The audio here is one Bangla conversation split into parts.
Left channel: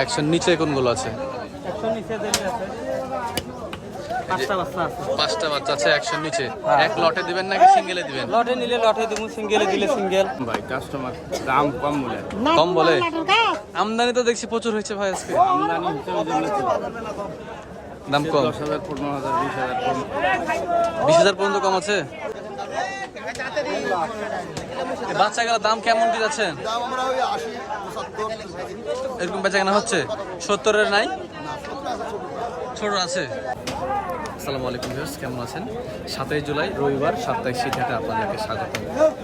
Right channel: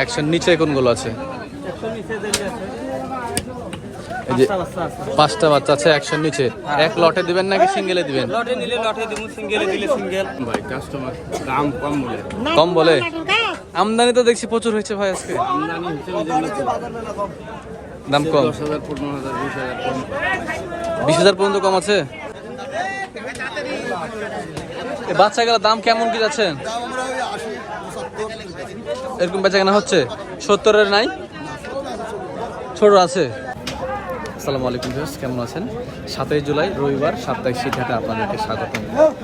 একশো নিচে কোনগুলো আছে? এই যে পাঁচটা বাচ্চা আছে। পাঁচটা একশো নিচে। এক লটে দিবেন নাকি সিঙ্গেলে দিবেন? লটে নিলে লটে দিব সিঙ্গেলে দিলে সিঙ্গেল ভাই কাস্টমার দাম কম বলে। কম বলে? আমদানি তো দেখছি প্রচুর হয়েছে ভাই আজকে। আমদানি। দাম কম। দশ হাজার পনেরো হাজার বিশ হাজার কম। বিশ হাজার পর্যন্ত কম আছে? বাচ্চা বাচ্চাগুলোর দাম কেমন কি যাচ্ছে? এরকম বেচা কেনা হচ্ছে? সত্তরের নাই? ছোট আছে। আসসালামু আলাইকুম কেমন আছেন? সাতই জুলাই, রবিবার সাপ্তাহিক শীতহাটে আপনাদেরকে স্বাগত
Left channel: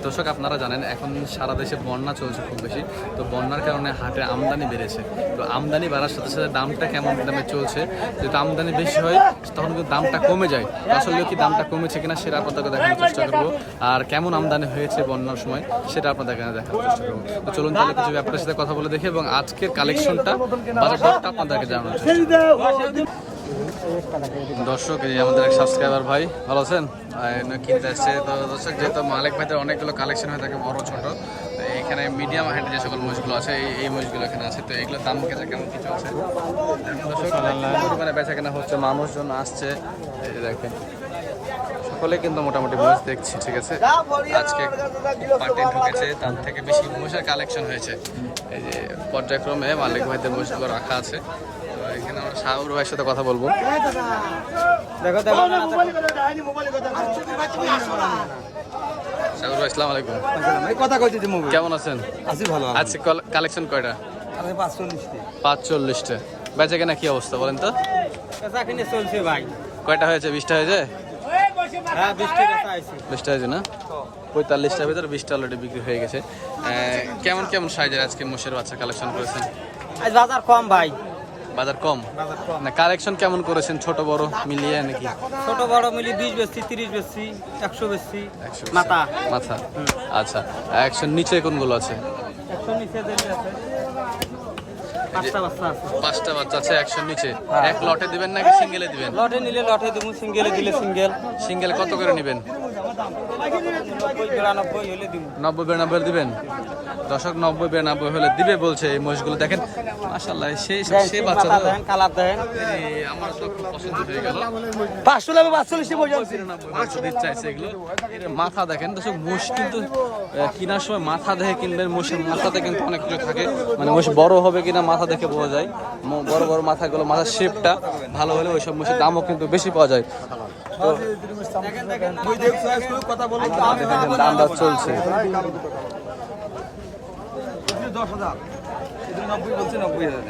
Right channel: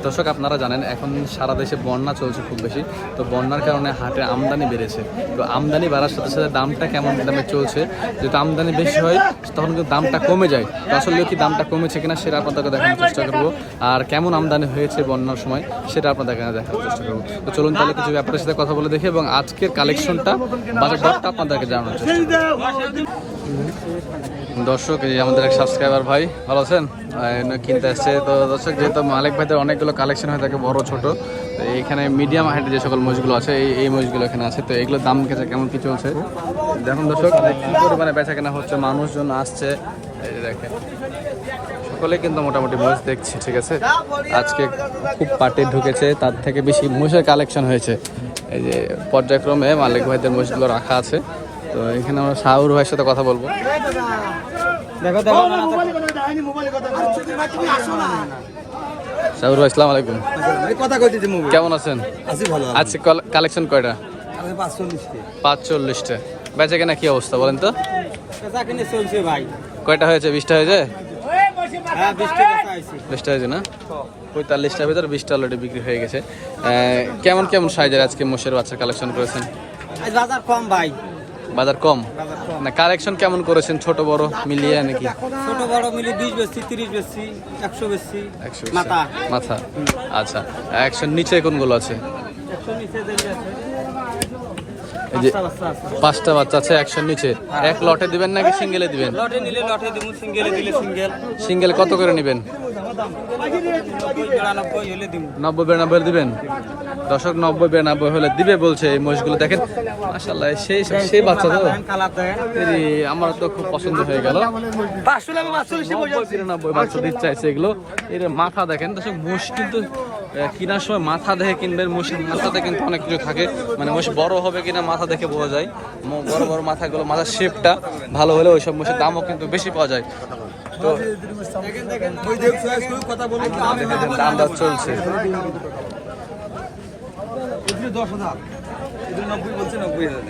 দর্শক, আপনারা জানেন, এখন সারা দেশে বন্যা চলছে খুব বেশি। তো বন্যার কারণে হাটে আমদানি বেড়েছে। তো আমদানি বাড়ার সাথে সাথে দামটা কেমন দামে চলছে? যেহেতু আমদানি বেশি হয়, তখন কিন্তু দামটা কমে যায়। তো আসলে কি দামটা কমেছে কিনা সেটা আপনাদেরকে দেখানোর চেষ্টা করব। আর কেমন আমদানি হয়েছে বন্যার সময়, সেটা আপনাদেরকে দেখানোর চেষ্টা করব। তো চলুন তাহলে কিছু ব্যাপারের সাথে কথা বলে দেখি, এবং আজকের কালেকশনটা বাজার দরটা আপনাদেরকে জানানোর চেষ্টা দর্শক এই আমাদের এক সাবস্ক্রাইবার ভাই ভালো আছেন? কিনতে আসছে। তো দর্শক যেহেতু মালিক ভাইদের অনেকগুলো কালেকশন হয়ে থাকে বড় ছোট তো এইখানে মিডিয়াম হাইটের যে সকল মহিষগুলো আছে এই এই মহিষগুলো এখানে আছে। তো এগুলোর দাম কেটে কেমন কি চলছে? দেখুন দর্শক কি পরিমাণে বেচা কেনা হচ্ছে মানুষজন আসছে। এই দেখেন সকলে কিন্তু মোটামুটি মহিষ দেখছি ঠিক আছে? আজকে খুব পার্টি ঢুকেছে তার থেকে বেশি মহিষের কালেকশন হয়েছে। এই যে পর্যায়ক্রমে মালিক ভাইদের মহিষগুলো রাখা আছে। তো এখানে আমরা শাহুর ভাইয়ের সাথে কথা বলব। ভাই আসসালামু আলাইকুম। কথা কইতেছি মুভি কেমন আছেন? আছি ভালো আজকে কালেকশন কয়টা? কি অবস্থা বলেন তো? পেশা কিনে চলছে ভাই। কয়টা হয়েছে? বিশটা হয়েছে? হ্যাঁ হয়েছে। না? পঁয়তাল্লিশটার ভিতরে বিশটা অলরেডি বিক্রি হয়ে গেছে। কেমন কেমন সাইজের আজকে মোষের বাচ্চা কালেকশন করেছেন? আজ বাজার কম ভাই। বাজার কম? না কালেকশন কেমন করেছেন? ছোট বড় মিলিয়ে নাকি? ছোট বড় মিলিয়ে বিশ বেশি তিরিশ বেশি একশো বেশি মাথা। মাথা। আচ্ছা একশো নিচে কোনগুলো আছে? পাঁচটা বাচ্চা আছে। একশো নিচে। এক লটে দিবেন নাকি সিঙ্গেলে দিবেন? লটে নিলে লটে দিব সিঙ্গেলে দিলে সিঙ্গেল সিঙ্গেল কত করে নেবেন? নব্বই বিরানব্বই হলে দিব। নব্বই বিরানব্বই দিবেন? দশক নব্বই বিরানব্বই হলে দিবে বলছে এই মহিষগুলো দেখেন মাসাল্লাহ সেই সেই বাচ্চা তো আমার তো খুব পছন্দ হয়ে গেল বিরানব্বই বাচ্চা দিতে চাইছে এগুলো এর মাথা দেখেন তো মোষ কিন্তু কেনার সময় মাথা দেখে কিনবেন মোষের মাথাতে কিন্তু অনেক কিছু থাকে মানে মোষ বড় হবে কিনা মাথা দেখে বোঝা যায় বড় বড় মাথাগুলো মাথার শেপটা ভালো হলে ওইসব মোষের দামও কিন্তু বেশি পাওয়া যায় তো দাম দর চলছে দশ হাজার। নব্বই বলছি নব্বই হাজার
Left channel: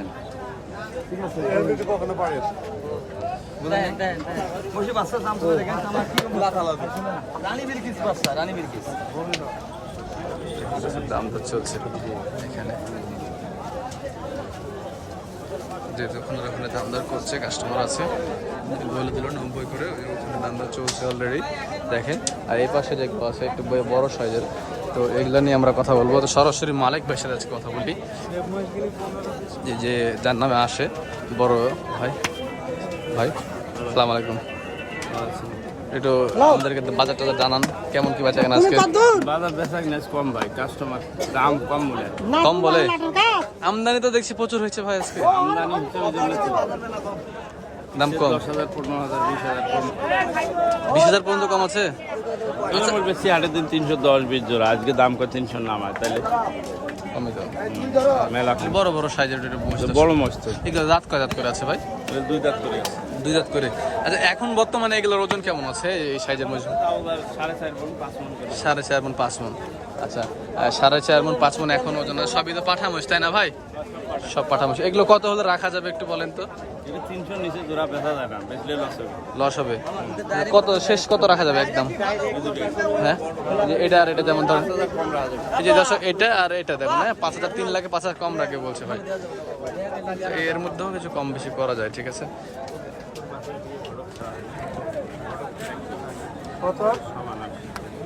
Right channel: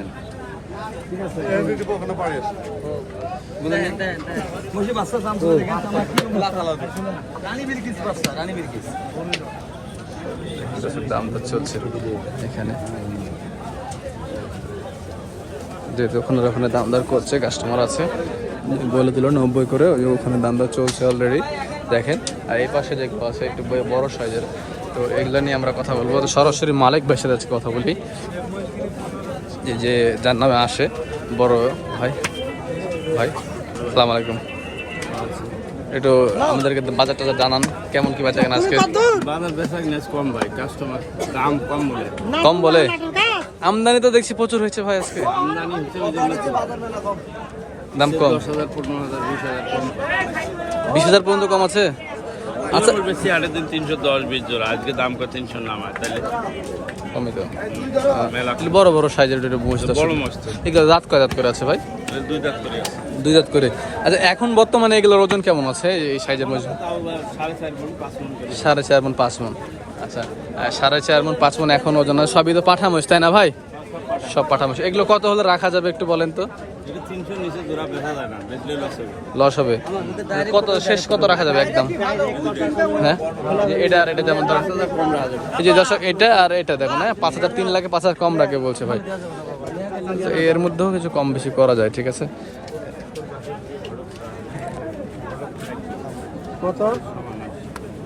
বসে বাচ্চা দাম করে দেখেন আমরা কি রানী বিরকিস বাচ্চা রানী বিরকিস দাম দর চলছে এখানে। যেহেতু ওখানে ওখানে দাম দর করছে কাস্টমার আছে। বলে দিল নব্বই করে ওই ওখানে দাম দর চলছে অলরেডি দেখেন আর এই পাশে যেগুলো আছে একটু বড় সাইজের। তো এগুলো নিয়ে আমরা কথা বলব। তো সরাসরি মালিক ভাইয়ের সাথে আজকে কথা বলি। যে- যে যার নামে আসে বড় ভাই। ভাই আসসালামু আলাইকুম। একটু আমাদেরকে বাজার টাজার জানান কেমন কি বেচা কেনা আজকে? বাজার বেচা কিনা কম ভাই কাস্টমার দাম কম বলে। কম বলে? আমদানি তো দেখছি প্রচুর হয়েছে ভাই আজকে। আমদানি দাম কম। দশ হাজার পনেরো হাজার বিশ হাজার কম। বিশ হাজার পর্যন্ত কম আছে? আচ্ছা। আচ্ছা বেশি আটের দিন তিনশো দশ বিশ জোড়া। আজকে দাম করে তিনশো নামায় তাহলে কমই তো মেলা। বড় বড় সাইজের বুঝতে বড় মস্ত এগুলো দাঁত কয় দাঁত করে আছে ভাই? দুই দাঁত করে আছে। দুই দাঁত করে। আচ্ছা এখন বর্তমানে এগুলোর ওজন কেমন আছে এই সাইজের মধ্যে সাড়ে চার মন পাঁচ মন সাড়ে চার পাঁচ মন আচ্ছা আর সাড়ে চার মন পাঁচ মন এখন ওজন আছে। সবই তো পাঠামোষ তাই না ভাই? সব পাঠামোষ এগুলো কত হলে রাখা যাবে একটু বলেন তো? লস হবে। কত শেষ কত রাখা যাবে একদম? হ্যাঁ? এটা আর এটা যেমন ধরেন এই যে দর্শক এটা আর এটা দেখুন হ্যাঁ? পাঁচ হাজার তিন লাখে পাঁচ হাজার কম রাখে বলছে ভাই। তো এর মধ্যেও কিছু কম বেশি করা যায় ঠিক আছে?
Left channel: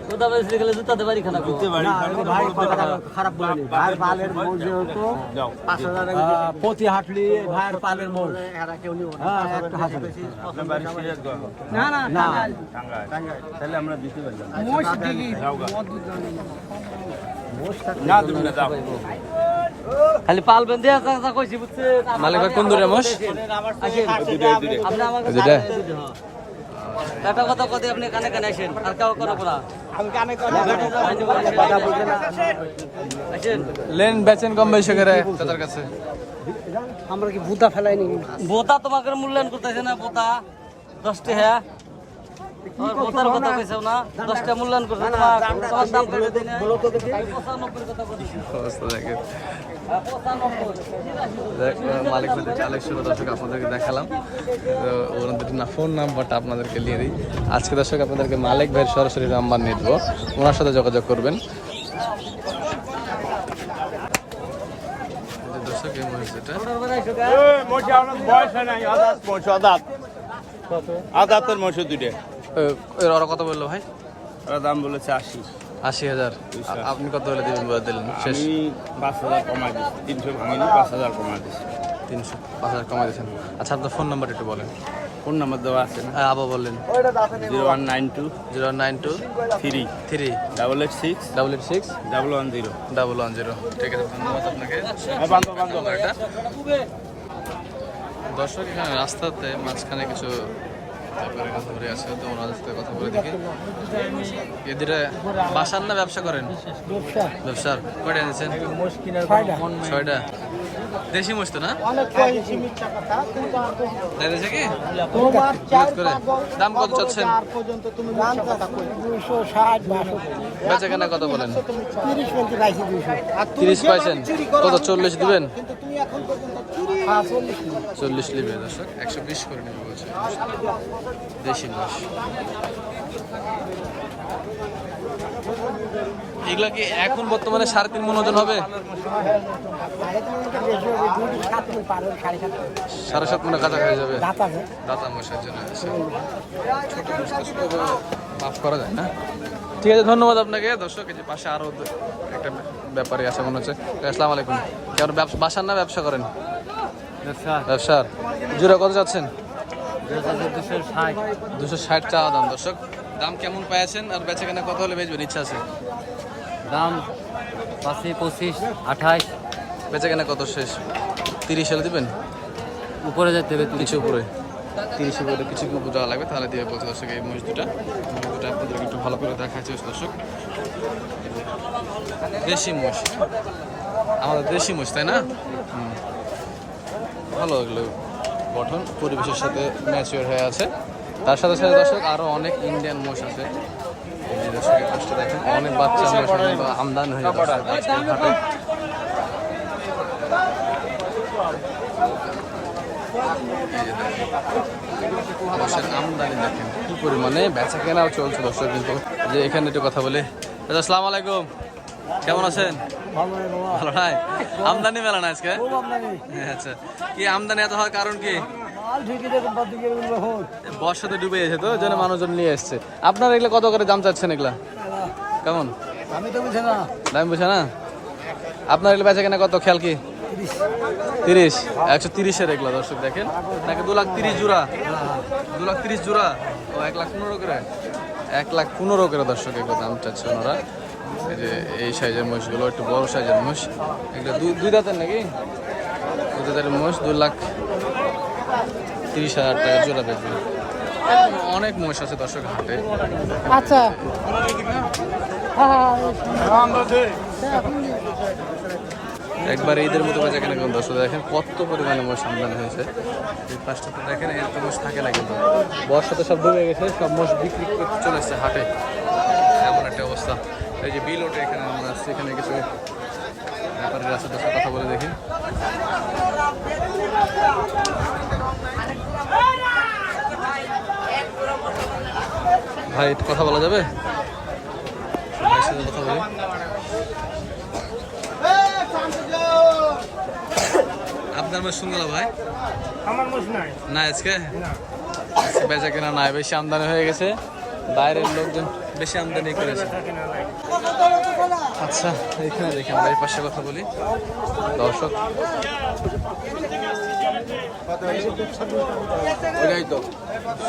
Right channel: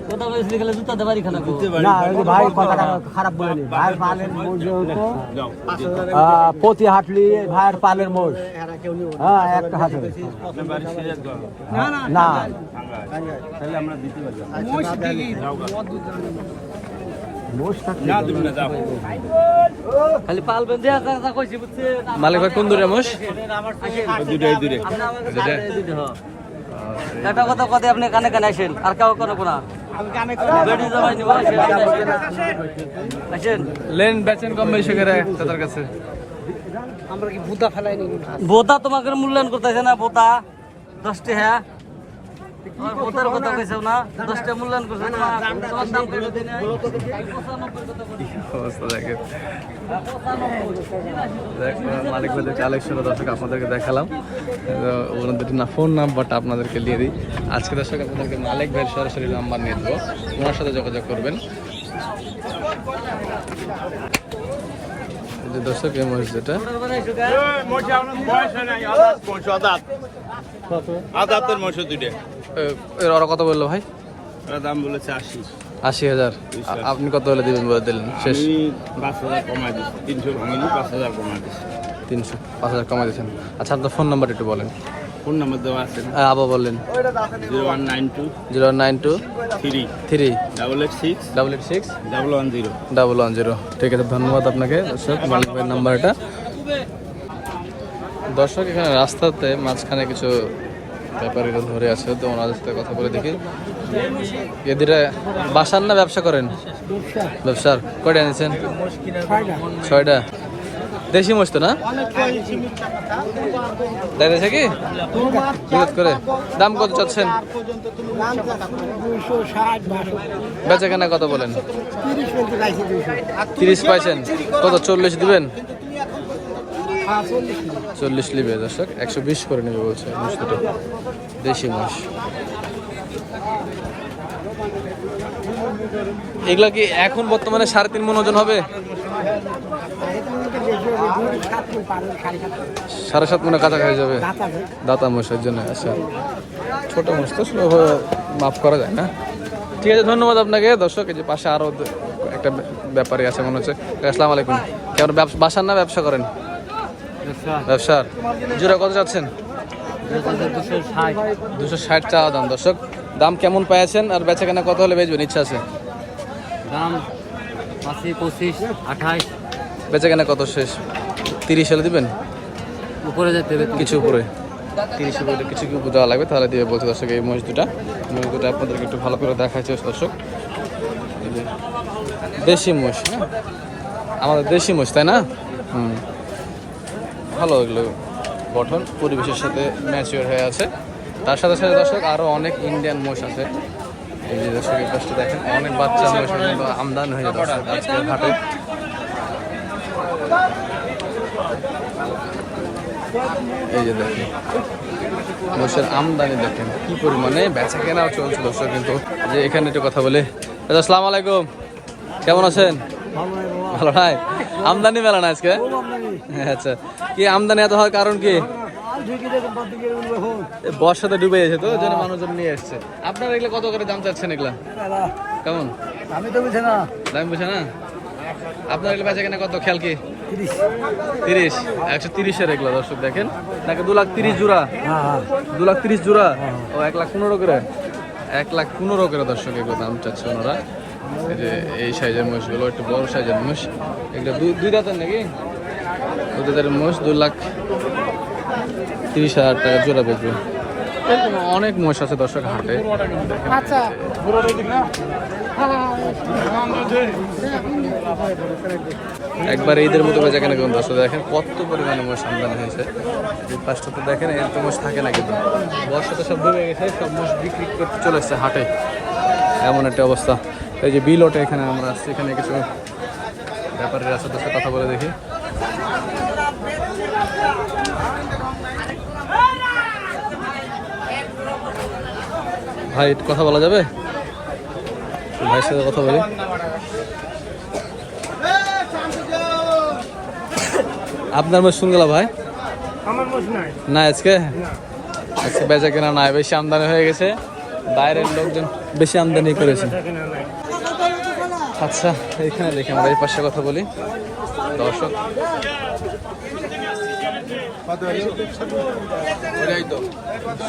কোথা বেশি গেলে জুতা খানা গো ভাই কথাটা খারাপ বলেনি ভাইয়ের পালের মোজ যাও। আহ, হাটলি ভাইয়ের পালের মোজ হ্যাঁ একটা হাটে। না তাহলে আমরা দিতে পারলাম। বুঝছে? মালিক ভাই কোন দূরে মোষ? দুটো কথা কথা আপনি কানে কানে আসেন আর কেউ কথা কোনা লেন বেচেন কম বেশি করে তাদের কাছে। বোতা তোমাকে মূল্যায়ন করতেছে না বোতা দশটি হ্যাঁ। ওই কথা কইছো না দশটা মূল্যায়ন করছে তোমার তোমার দাম করে দিন অবস্থা দেখেন। মালিক ভাইদের কালেকশন দর্শক আপনাদেরকে দেখালাম। তো ওনাদের না ফোন নাম্বারটা আপনাদেরকে দিয়ে দিই। আজকে দর্শক আপনাদেরকে মালিক ভাইয়ের সরাসরি নাম্বার নিয়ে দেবো। ওনার সাথে যোগাযোগ করবেন। দর্শক এই যেটা আদাতের এ- এর ওরা কত বলল ভাই? ওরা দাম বলেছে আশি। আশি হাজার। আপনি কত হলে দিবেন বলে দিলেন? শেষ। আমি পাঁচ হাজার কমাই দিচ্ছি তিনশো ভাঙিনি পাঁচ হাজার কমাই দিচ্ছি তিনশো পাঁচ হাজার কমাই দিয়েছেন। আচ্ছা আপনার ফোন নাম্বার একটু বলেন। ফোন নাম্বার দেওয়া আছে হ্যাঁ, আবার বললেন। Zero one nine two zero one nine two three three double eight six double eight six double one zero. Double one zero. ঠিক আছে ধন্যবাদ আপনাকে। নাম্বারটা। দর্শক এখানে রাস্তাতে মাঝখানে কিছু ব্যাপারীরা ধরে আছে তো ওনাদের সাথে কথা বলে দেখি। এদিকে বাসার না ব্যবসা করেন? ব্যবসার। কয়টা এনেছেন? ছয়টা। দেশি মোষ তো না? দাঁড়িয়েছে কি করে। দাম কত চাচ্ছেন? বেচা কেনা কত বলেন? তিরিশ পাইছেন। কত, চল্লিশ দিবেন? চল্লিশ লিবে দর্শক একশো বিশ করে নেবে বলছে। দেশি মোষ। এগুলা কি এখন বর্তমানে সাড়ে তিন মন ওজন হবে? সাড়ে সাত মনে কাছাকাছি যাবে। দাঁত মোষের জন্য আচ্ছা। ছোট মোষ তো মাফ করা যায় না? ঠিক আছে ধন্যবাদ আপনাকে। দর্শক এই যে পাশে আরও দ- একটা ব্য- ব্যাপারী আছে মনে হচ্ছে। আসসালামু আলাইকুম। কেমন ব্যবসা বাসার না ব্যবসা করেন? ব্যবসার জোড়া কত যাচ্ছেন দুশো ষাট চাওয়া দাম। দর্শক দাম কেমন পেয়েছেন আর বেচা কেনা কত হলে বেচবেন? ইচ্ছা আছে? দাম পাঁচি পঁচিশ আঠাশ। বেচা কেনা কত শেষ? তিরিশ হলে দিবেন? উপরে যেতে হবে কিছু উপরে। তিরিশ উপরে কিছু কি উপরে দেওয়া লাগবে তাহলে দিয়ে বলছে দর্শক এই মহিষ দুটা মহিষ দুটা আপনাদেরকে একটু ভালো করে দেখাচ্ছে দর্শক দেশি মোষ হ্যাঁ? আমাদের দেশি মোষ তাই না? হুম। ভালো এগুলো গঠন, পরিবেশের সাথে ম্যাচিওর হয়ে আছে। তার সাথে সাথে দর্শক আরও অনেক ইন্ডিয়ান মোষ আছে। দেখেন, অনেক বাচ্চা মোষ কিন্তু আমদানি হয়ে দর্শক, আজকের হাটে। এই যে দেখেন, মোষের আমদানি দেখেন, কি পরিমাণে বেচা কেনাও চলছে দর্শক, কিন্তু যে এখানে একটু কথা বলে। আসসালামু আলাইকুম। কেমন আছেন? ভালো নাই? আমদানি মেলা না আজকে? হ্যাঁ, আচ্ছা। কি আমদানি এত হওয়ার কারণ কি? বর্ষাতে ডুবে গেছে তো যেন মানুষজন নিয়ে এসছে। আপনারা এগুলো কত করে দাম চাচ্ছেন এগুলা? কেমন? আমি তো বুঝে না। দাম বুঝে না? আপনার এগুলো বেচা কেনা কত? খেয়াল কি? তিরিশ। একশো তিরিশের এগুলো দর্শক দেখেন। নাকি দু লাখ তিরিশ জোড়া? হ্যাঁ হ্যাঁ। দু লাখ তিরিশ জোড়া? ও এক লাখ পনেরো করে? এক লাখ পনেরো করে দর্শক এগুলো দাম চাচ্ছে ওনারা। এই যে এই সাইজের মোষগুলো একটু বড় সাইজের মোষ। এগুলো দুই দুই দাঁতের নাকি? দুই দাঁতের মোষ দু লাখ তিরিশ হাজার টাকা জোড়া বেচবে। এরকম অনেক মোষ আছে দর্শক হাটে। যে। একবার ঈদের মতো বেচা কেনা কিন্তু দর্শক দেখেন কত পরিমাণে মোষ আমদানি হয়েছে। এই পাঁচটা তো দেখেন এরকম মোষ থাকে না কিন্তু। বর্ষা তো সব ডুবে গেছে সব মোষ বিক্রি করতে চলে এসছে হাটে। এমন একটা অবস্থা। এই যে বিল ওঠে এখানে আমরা আসছি এখানে কিছু ব্যাপারের আছে সাথে কথা বলে দেখি। ভাই কথা বলা যাবে? ভাইয়ের সাথে কথা বলি। আপনার মোষ শুনগেল ভাই? আমার মোষ নাই। না আজকে? আজকে বেচা কেনা নাই বেশি আমদানি হয়ে গেছে। বাইরের লোকজন বেশি আমদানি করেছে। আচ্ছা এখানে দেখি আমরা এই পাশে কথা বলি। দর্শক।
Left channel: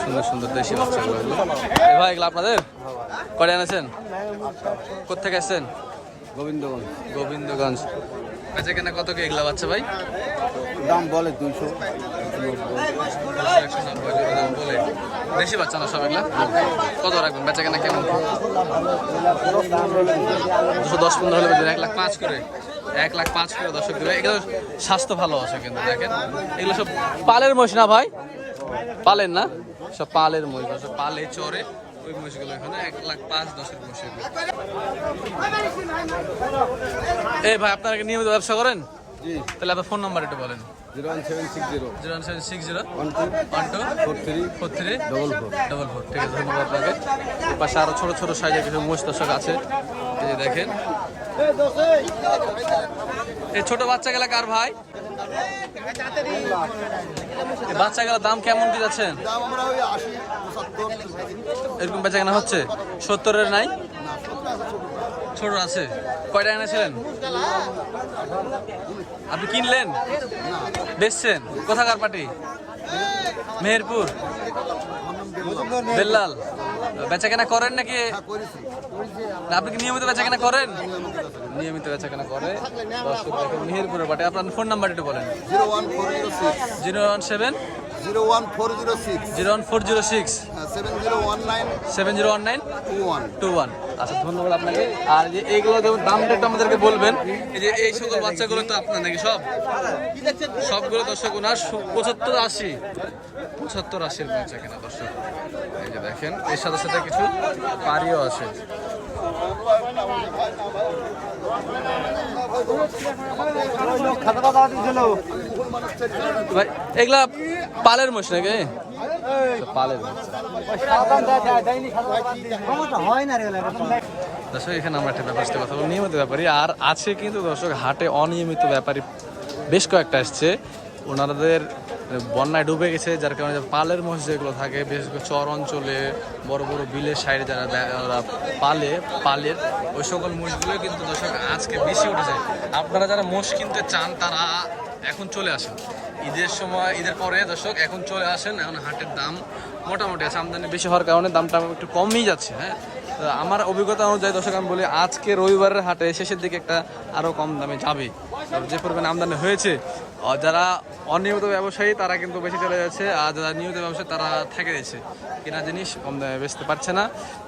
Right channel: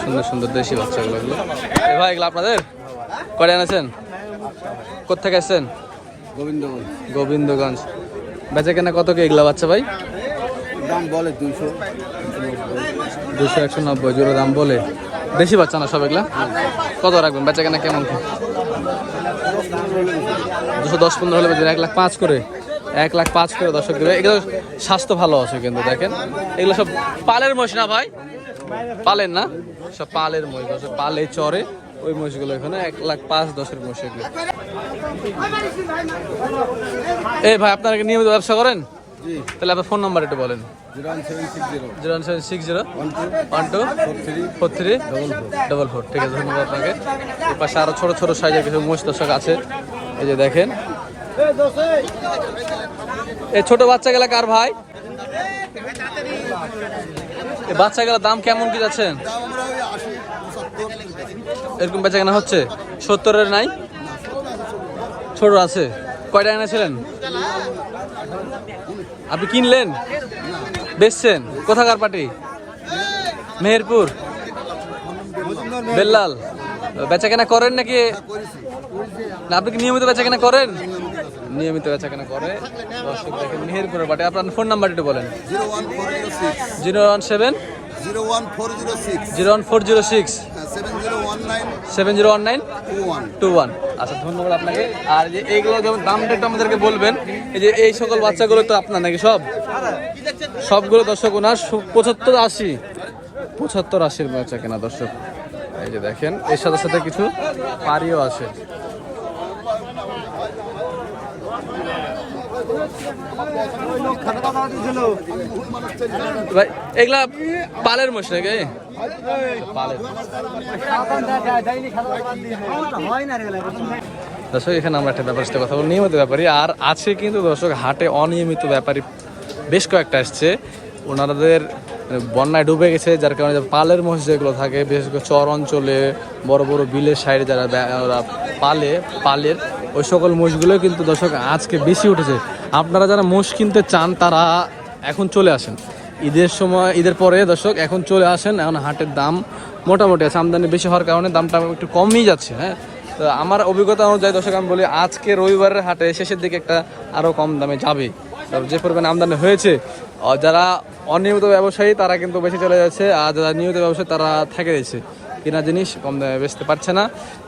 সুন্দর সুন্দর দেশি বাচ্চাগুলো এগুলো। এ ভাই এগুলো আপনাদের? করে এনেছেন? কোথেকে আসছেন গোবিন্দগঞ্জ। গোবিন্দগঞ্জ। বেচা কেনা কত কি এগুলা বাচ্চা ভাই? দাম বলে দুইশো দুশো একশো নব্বই জোরে দাম বলে। বেশি বাচ্চা না সব এগুলা? কত রাখবেন? বেচা কেনা কেমন দুশো দশ পনেরো হলে এক লাখ পাঁচ করে, এক লাখ পাঁচ করে দর্শক দেবে। এগুলো স্বাস্থ্য ভালো আছে কিন্তু, দেখেন। এগুলো সব পালের মহিষ না ভাই? পালের না? সব পালের মহিষ আছে, পালে চরে। ওই মহিষগুলো এখানে, এক লাখ পাঁচ দশের মহিষ এগুলো। এই ভাই, আপনারা নিয়মিত ব্যবসা করেন? তাহলে আপনার ফোন নাম্বার একটু বলেন। Zero one seven six zero. Zero seven six zero. One two. One two four three. Four three double four. Double four. ঠিক আছে ধন্যবাদ আপনাকে। এর পাশে আরও ছোট ছোট সাইজের কিছু মোষ দর্শক আছে। এই যে দেখেন। এই ছোট বাচ্চাগুলা কার ভাই? এই বাচ্চাগুলোর দাম কেমন কি যাচ্ছেন এরকম বেচা কেনা হচ্ছে? সত্তরের নাই? ছোট আছে। কয়টা এনেছিলেন? আপনি কিনলেন? বেচছেন? কোথাকার পার্টি? মেহেরপুর? বেল্লাল। বেচা কেনা করেন নাকি? না আপনি কি নিয়মিত বেচা কেনা করেন? নিয়মিত বেচা কেনা করে। দর্শক দেখেন মেহেরপুরের পাটে আপনার ফোন নাম্বার একটু বলেন। Zero one four zero six. Zero one seven? Zero one four zero six. Zero one four zero six. Seven zero one nine two one. আচ্ছা ধন্যবাদ আপনাকে। আর যে এইগুলো যেমন দামটা একটু আমাদেরকে বলবেন এই যে এই সকল বাচ্চাগুলো তো আপনার নাকি সব? সবগুলো দর্শক ওনার পঁচাত্তর আশি। পঁচাত্তর আশির বেচা কেনা দর্শক। এই যে দেখেন এর সাথে সাথে কিছু পারিও আছে। ভাই, এগুলা পালের মোষ নাকি? দর্শক, এখানে আমরা একটা ব্যাপার কথা বলি, নিয়মিত ব্যাপারী। আর আছে কিন্তু দর্শক, হাটে অনিয়মিত ব্যাপারী বেশ কয়েকটা আসছে। ওনাদের বন্যায় ডুবে গেছে, যার কারণে পালের মহিষ যেগুলো থাকে, বিশেষ করে চর অঞ্চলে, বড় বড় বিলের সাইডে যারা ওরা পালে, পালের ওই সকল মোষগুলো কিন্তু দর্শক আজকে বেশি উঠেছে। আপনারা যারা মোষ কিনতে চান, তারা এখন চলে আসেন। ঈদের সময়, ঈদের পরে দর্শক এখন চলে আসেন। এখন হাটের দাম মোটামুটি আছে। আমদানি বেশি হওয়ার কারণে দামটা একটু কমই যাচ্ছে হ্যাঁ? তো আমার অভিজ্ঞতা অনুযায়ী দর্শক, আমি বলি আজকে রবিবারের হাটে শেষের দিকে একটা আরও কম দামে যাবে। যে পরিমাণে আমদানি হয়েছে যারা অনিয়মিত ব্যবসায়ী, তারা কিন্তু বেশি চলে যাচ্ছে। আর যারা নিয়মিত ব্যবসায়ী, তারা থেকে যাচ্ছে কেনা জিনিস কম দামে বেচতে পারছে না।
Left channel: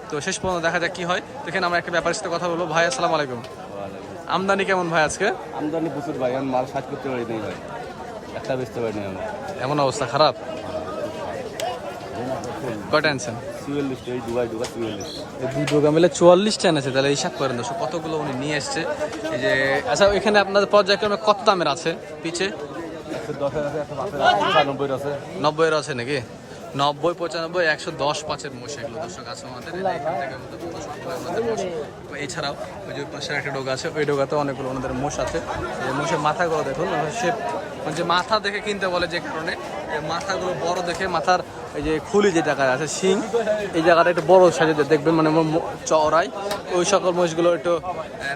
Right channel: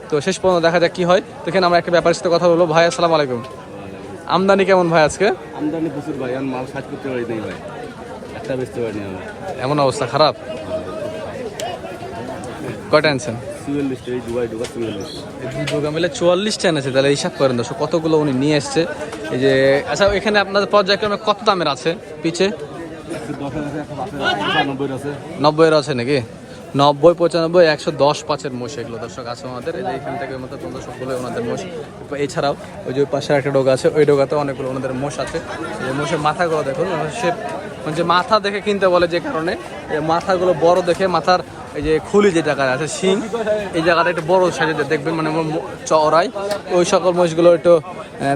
তো শেষ পর্যন্ত দেখা যাক কি হয়। তো এখানে আমরা একটা ব্যাপারের সাথে কথা বলব। ভাই আসসালামু আলাইকুম। আমদানি কেমন ভাই আজকে? আমদানি প্রচুর ভাই। আমি মাল সাজ করতে পারি নাই ভাই। একটা বেচতে পারি আমি। এমন অবস্থা খারাপ? কয়টা আনছেন চুয়াল্লিশ এই দুবাই ঢুকা চুয়াল্লিশ এই দুই দোকান মিলে চুয়াল্লিশটা এনেছে। তাহলে হিসাব করেন কতগুলো উনি নিয়ে এসছে। এই যে আচ্ছা এখানে আপনাদের পর্যায়ক্রমে কত দামের আছে পিছে নব্বইয়ের আছে নাকি? নব্বই, পঁচানব্বই, একশো দশ পাঁচের মোষ এগুলো দর্শক আছে আমাদের। এই যে এখান থেকে মতো ওনাদের মোষ। এছাড়াও ওই যে পাশে একটা ডোগা আছে, ওই ডোগাতে অনেকগুলো ওনাদের মোষ আছে। এই মোষের মাথাগুলো দেখুন সে মানে যে মাথা দেখে কিনতে বলে যে কারণে মাথাগুলো বড় দেখে মাথার এই যে খুলি যে জায়গায় আছে, শিং, এই জায়গাটা একটু বড় সাইজে দেখবেন মানে চওড়াই ওই সকল মোষগুলো একটু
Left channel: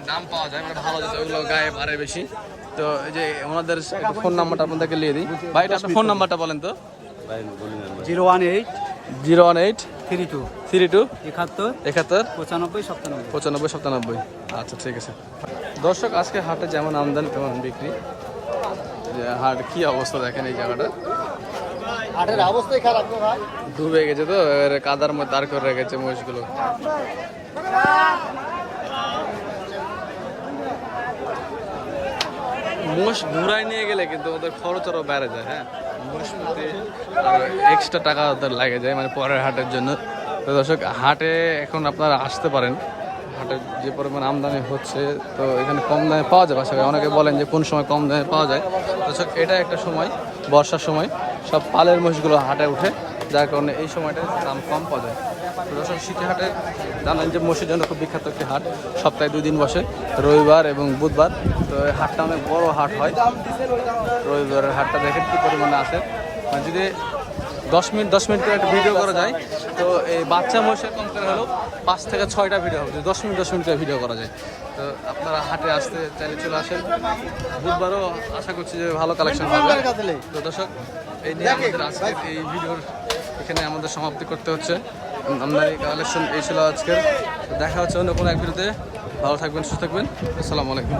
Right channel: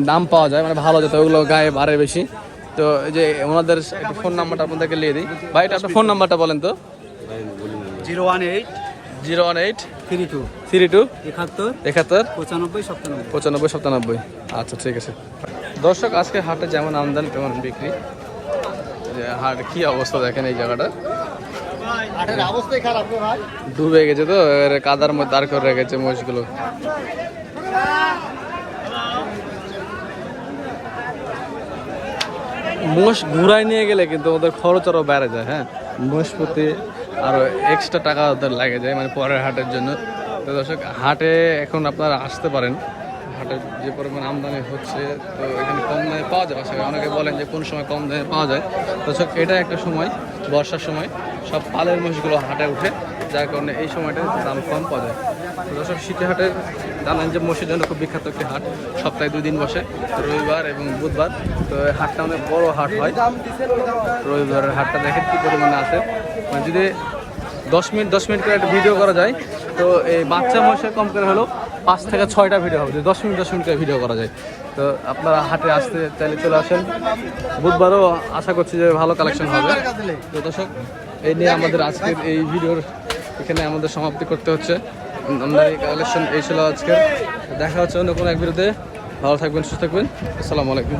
দাম পাওয়া যায় মানে ভালো যেত, ওগুলো গায়ে বাড়ে বেশি। তো এই যে ওনাদের ফোন নাম্বারটা আপনাদেরকে নিয়ে দিই। ভাই, এটা আপনার ফোন নাম্বারটা বলেন তো। Zero one eight zero one eight three two three two একাত্তর একাত্তর পঁচানব্বই সাতানব্বই। আচ্ছা ঠিক আছে। দর্শক আজকে হাটে যেমন আমদানি তেমন বিক্রি। যে হাট কি অবস্থা দেখেন এই জায়গাটা? হাটের অবস্থাই খারাপ ভাই। ডুবে গেছে তো এবারে কাদার মধ্যে দাঁড় করে রেখেছে মহিষগুলো। মোষ ঘুরাই নিয়ে গেলে কিন্তু ওদের খরচ আরও বেড়ে যায় হ্যাঁ? প্রতি আরও এক্সট্রা টাকা ওদের লাগে যায় মানে পরের হাটের জন্য। তো দর্শক, হাটে এখন আপনারা আসতে পারেন। হাটে যে পরিমাণ আমদানি হচ্ছে, তো এখানে কম দামে পাওয়া যায়। পাশাপাশি অনেকে বলেন যে কোন সময় কম দামে পাওয়া যায়। দর্শক, এটা একটা সময়, বর্ষার সময়। সব পালের মহিষগুলো হাটে উঠে যার কারণে এই সময়টা দাম কম তো দর্শক সিটি হাটের জানেন যে মসজিদ জন্য খুব বিখ্যাত একটি হাট, সপ্তাহে দুই দিন বসে, রবিবার এবং বুধবার। তো হাটটা অনেক বড় হাট হয়। রবিবারের হাটটা দেখেন কি পরিমাণে আছে। মানে যদি দশ মিনিট দশ মিনিট করে একটা ভিডিও করা যায়, তো এই বাচ্চা মহিষে কম করে হলেও পাঁচ থেকে ছয়টা ভিডিও হবে। যদি দশ মিনিট দশ মিনিট করে ভিডিও করা যায়। তো আপনারা হাটে আসতে চাইলে চলে আসেন। বুধবারও আশা করছি যে ভালো কালেকশন হবে। তো দর্শক, এই নিয়ে আমাদের আজকের এই ভিডিওর এখানে আমাদের সমাপ্তি করতে হচ্ছে। আমদানি কালেকশন এই ছিল আজকে দেখা হচ্ছে অন্য কোনো এক বিরুদ্ধে ভালো থাকবেন, সুস্থ থাকবেন। আসসালামু আলাইকুম।